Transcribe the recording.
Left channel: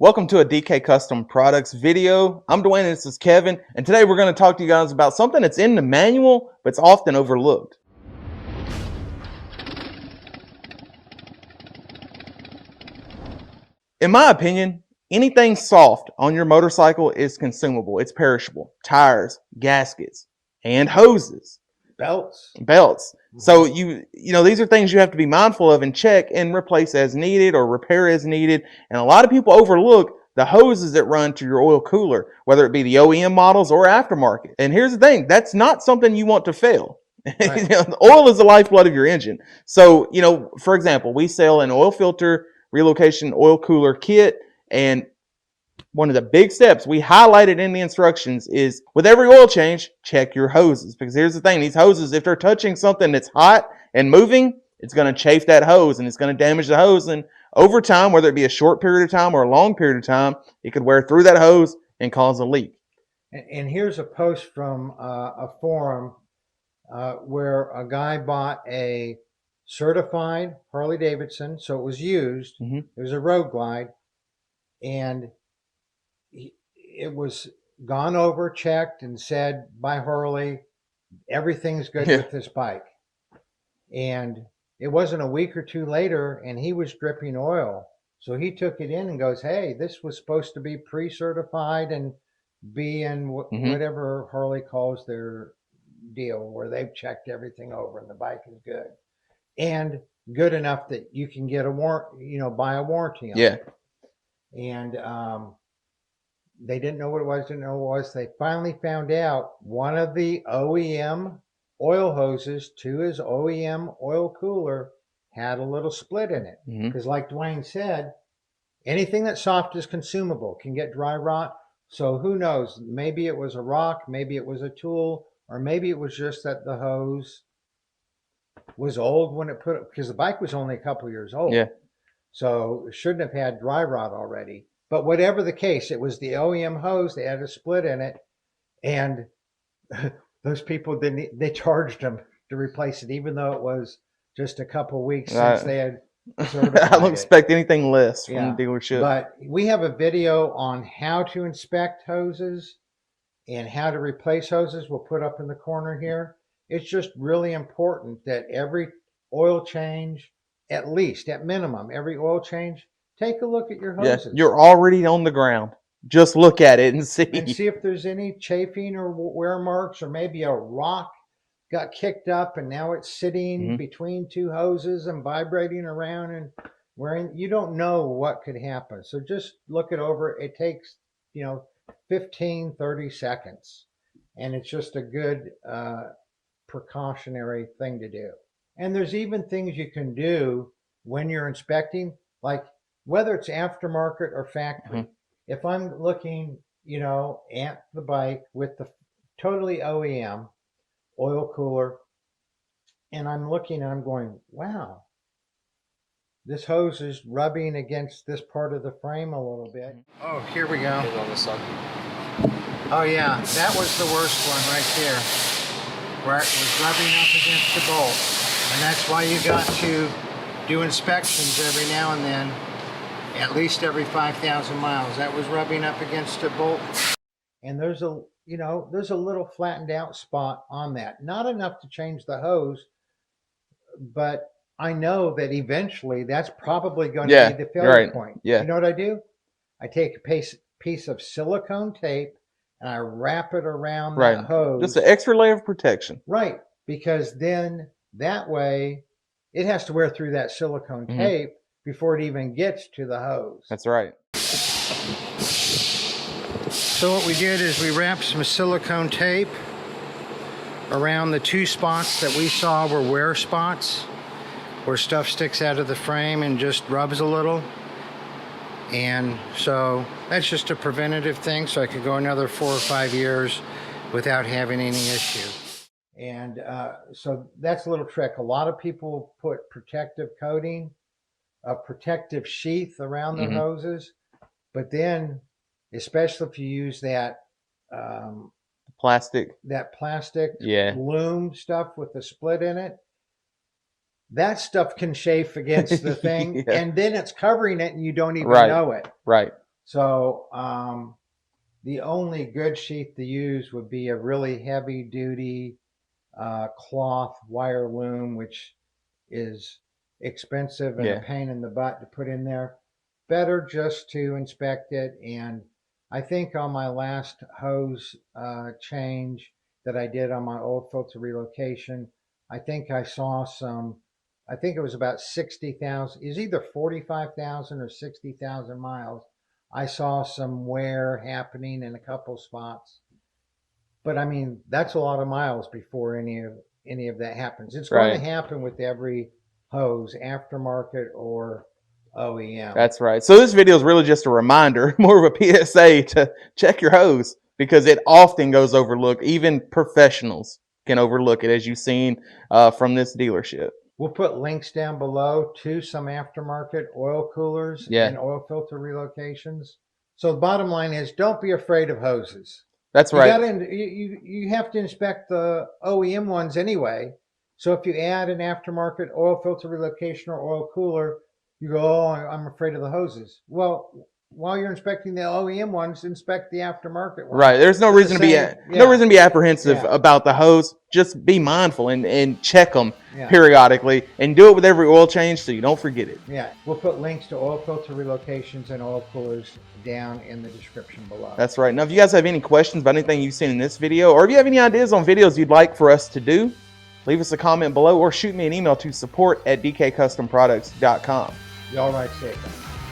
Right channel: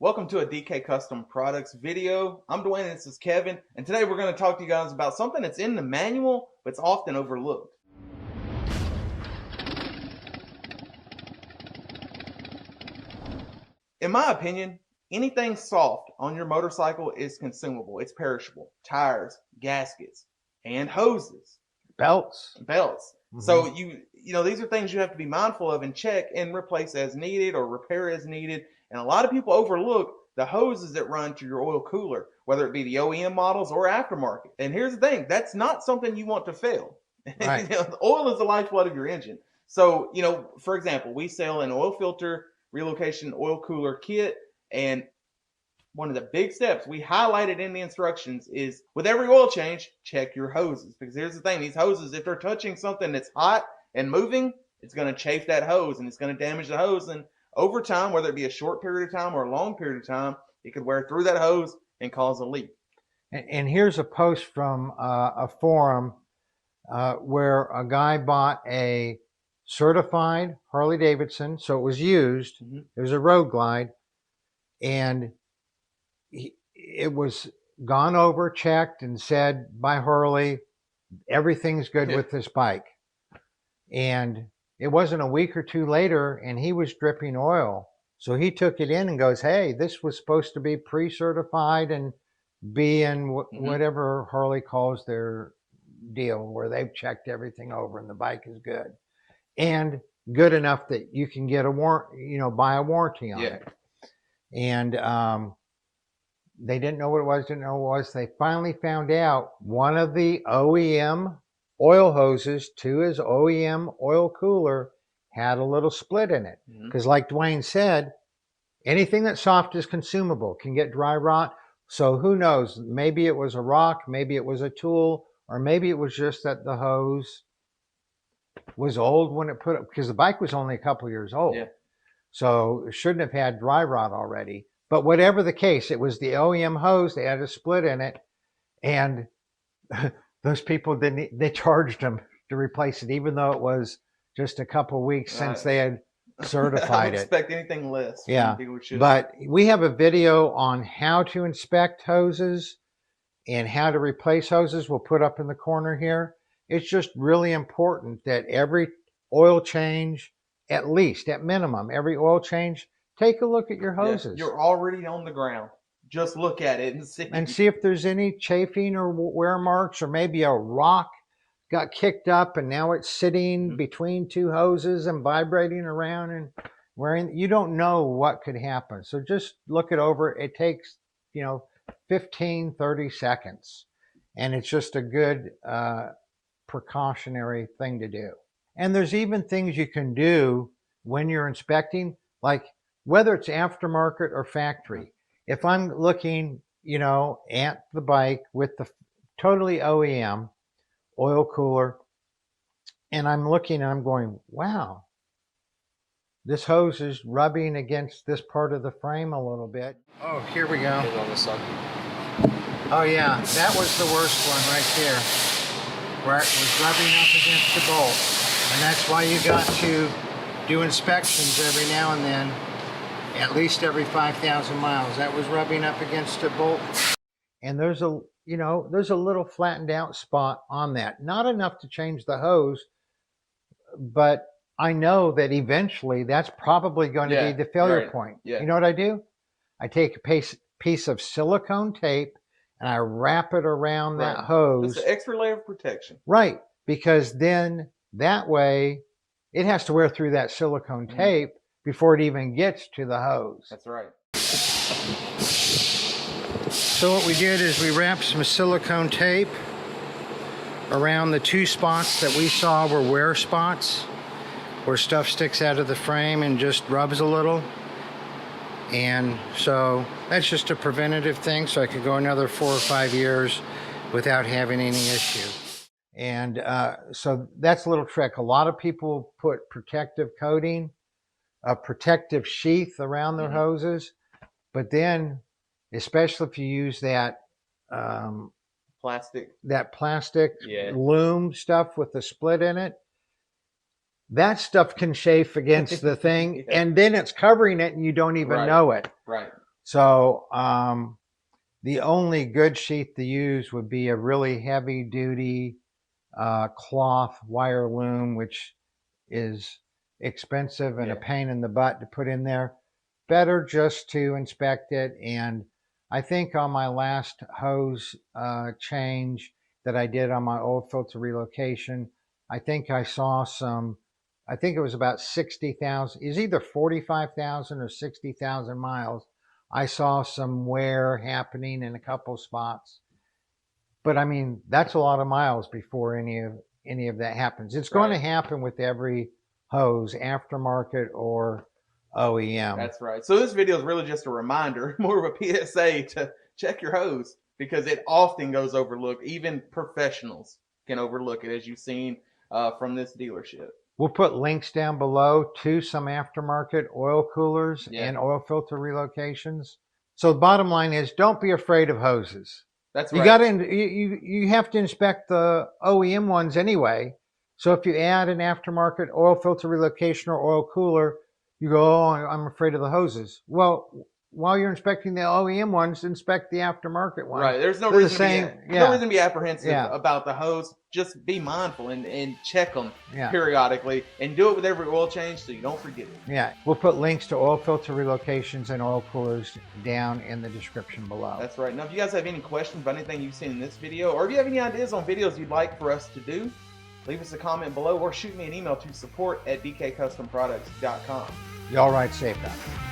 Welcome to a DK Custom Products video. I'm Dwayne and this is Kevin, and today we're going to talk to you guys about something that's in the manual, but it's often overlooked. In my opinion, anything soft on your motorcycle is consumable. It's perishable. Tires, gaskets, and hoses. Belts. So these are things you have to be mindful of and check and replace as needed or repair as needed. And a lot of people overlook the hoses that run to your oil cooler, whether it be the OEM models or aftermarket. And here's the thing, that's not something you want to fail. Right. The oil is the lifeblood of your engine. So, for example, we sell an oil filter relocation oil cooler kit, and one of the big steps we highlighted in the instructions is with every oil change, check your hoses. Because here's the thing, these hoses, if they're touching something that's hot and moving, it's going to chafe that hose and it's going to damage the hose. And over time, whether it be a short period of time or a long period of time, it could wear through that hose and cause a leak. And here's a post from a forum where a guy bought a certified Harley-Davidson, so it was used. Mm-hmm. It was a road glide, and it was gone over, checked, and said by Harley, everything's good with this bike. And it wasn't a week or two later, and he was dripping oil. So he took it in and goes, hey, this was supposed to be pre-certified and be in whatever Harley calls their deal, where they've checked everything over and the bike is good. And good enough that you can get a buy a warranty on it. And they didn't know what it was, They finally found out one of the OEM oil hoses to his OEM oil cooler had a little split in it. Because like Dwayne said, anything that's soft is consumable, can get dry rot. So who knows, maybe it was a rock, maybe it was a tool, or maybe it was just that the hose was old when it put up, because the bike was only a couple years old. Yeah. So it shouldn't have had dry rot already. But whatever the case, it was the OEM hose. They had a split in it, and those people they charged them to replace it, even though it was just a couple of weeks since they had certified I don't expect anything less from the dealership. But we have a video on how to inspect hoses and how to replace hoses. We'll put up in the corner here. It's just really important that every oil change, at minimum, every oil change, take a look at your hoses. Yeah, you're already on the ground. Just look at it and see. And see if there's any chafing or wear marks, or maybe a rock got kicked up and now it's sitting between two hoses and vibrating around and wearing. You don't know what could happen. So just look it over. It takes, 15, 30 seconds. And it's just a good precautionary thing to do. And there's even things you can do when you're inspecting, like whether it's aftermarket or factory. If I'm looking, at the bike with the totally OEM oil cooler, and I'm looking and I'm going, wow, this hose is rubbing against this part of the frame a little bit. Oh, here we go. Oh yeah, that was the worst one right there, where it was rubbing up against the bolt. And that's why you got to do inspections every now and then, at least every 5,000 miles. That was rubbing up against a bolt. And there's a little flattened out spot on that. Not enough to change the hose, but I know that eventually that's probably going to be the failure point. Yeah. You know what I do? I take a piece of silicone tape and I wrap it around that hose. Just an extra layer of protection. Right, because then that way it has to wear through that silicone tape before it even gets to the hose. That's right. So what we did is we wrapped some silicone tape around the two spots that we saw were wear spots, where stuff sticks out of the frame and just rubs a little. And so that's just a preventative thing, so I could go another 4 or 5 years without having any issue. And so that's a little trick. A lot of people put protective coating, a protective sheath around their hoses, but then, especially if you use that plastic loom stuff with the split in it, that stuff can chafe against the thing, and then it's covering it and you don't even know it. Right. So the only good sheath to use would be a really heavy duty cloth wire loom, which is expensive and a pain in the butt to put in there. Better just to inspect it. And I think on my last hose change that I did on my oil filter relocation, I think I saw some, I think it was about 60,000, it was either 45,000 or 60,000 miles. I saw some wear happening in a couple spots. But I mean, that's a lot of miles before any of that happens. It's going to happen with every hose, aftermarket or OEM. That's right. So this video is really just a reminder, more of a PSA to check your hose, because it often goes overlooked. Even professionals can overlook it, as you've seen from this dealership. We'll put links down below to some aftermarket oil coolers and oil filter relocations. So the bottom line is, don't be afraid of hoses. That's right. You have to inspect the OEM ones anyway. So if you add an aftermarket oil filter relocation or oil cooler, you go, oh, I'm afraid of the hoses. Well, while you're inspecting the OEM ones, inspect the aftermarket ones. Right. There's no reason to be apprehensive about the hose. Just be mindful and check them periodically, and do it with every oil change so you don't forget it. Yeah. We'll put links to oil filter relocations and oil coolers down in the description below. That's right. Now, if you guys have any questions about anything you've seen in this video, or if you have any ideas on videos you'd like for us to do, leave us a comment below or shoot me an email to support@dkcustomproducts.com. Y'all ride safe.